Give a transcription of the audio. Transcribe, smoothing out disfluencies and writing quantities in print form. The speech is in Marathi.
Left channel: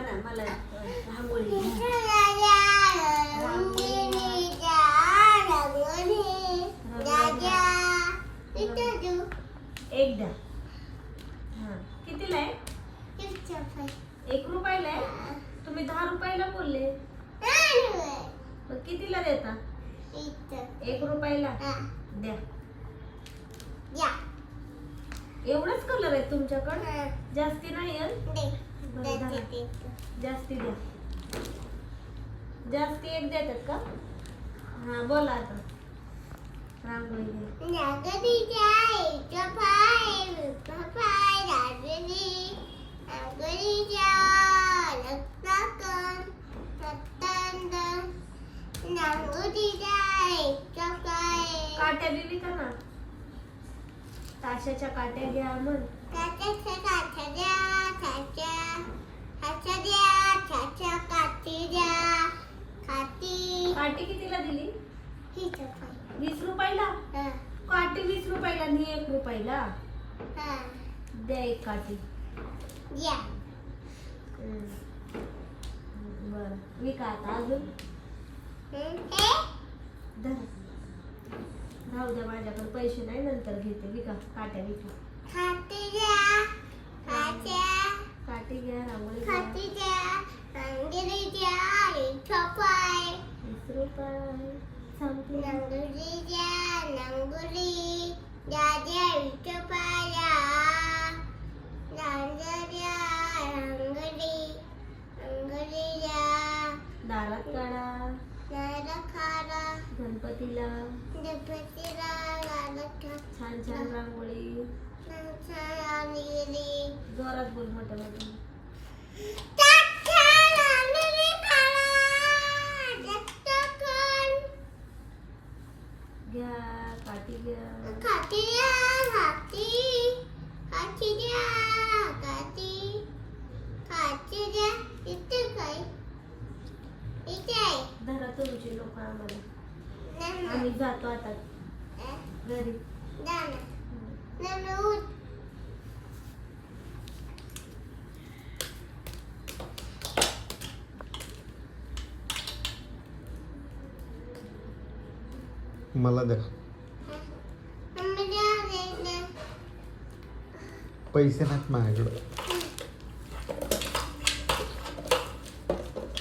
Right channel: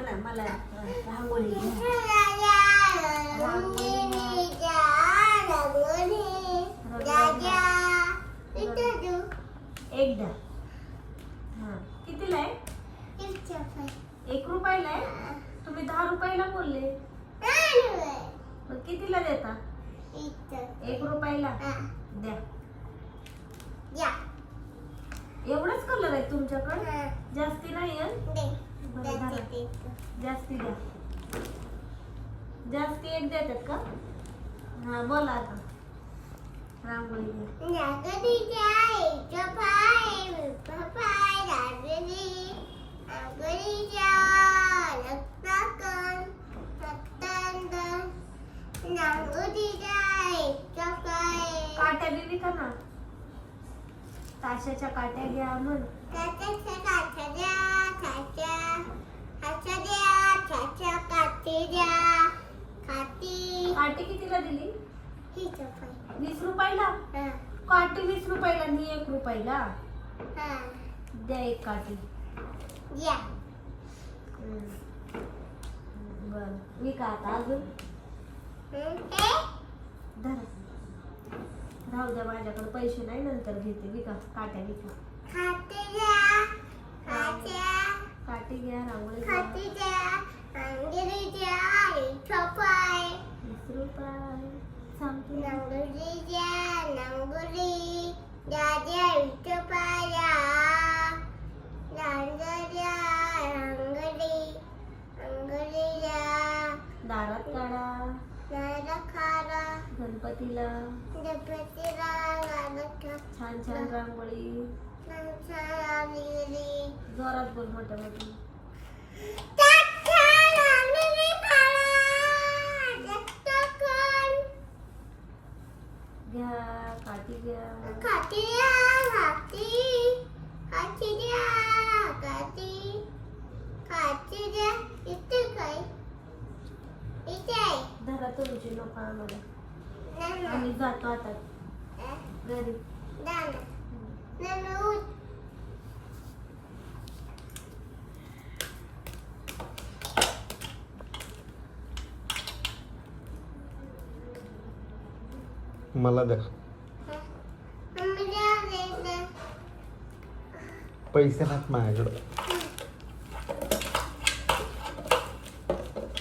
म्हणा मला रांगोळी एक द्या. कितीला आहे? 1 रुपयाला आहे. तुम्ही 10 रुपयाला बोलले. मग कितीला देता? 1 रुपयाला द्या. एवढंच कलर आहे तुमच्याकडे? जास्ती नाही आहे? जास्ती द्या. जास्ती एक देतात का? हा बोला आता. रांगोळी काट्या दिली का ना? ताशाच्या काट्या घ्या म्हण. काठी कितीला दिली? 20 रुपयाला. काठी 20 रुपयाला आणि 1 रुपयाला. द्या एक काठी. बर विका आता अजून. राहू द्या, माझ्याकडे पैसे नाही, नंतर घेते. विका काट्या विका. काठी घ्या. रांगोळी 20 रुपये दारात काढा. गणपतीला छान छान रांगोळी. जोरात बोल मोठ्या मोठी. घ्या काठी घ्या. धरा तुमची लोक आम्हाला. आम्ही जातो आता घरी. मला द्या पैसे नाहीत माझ्याकडं.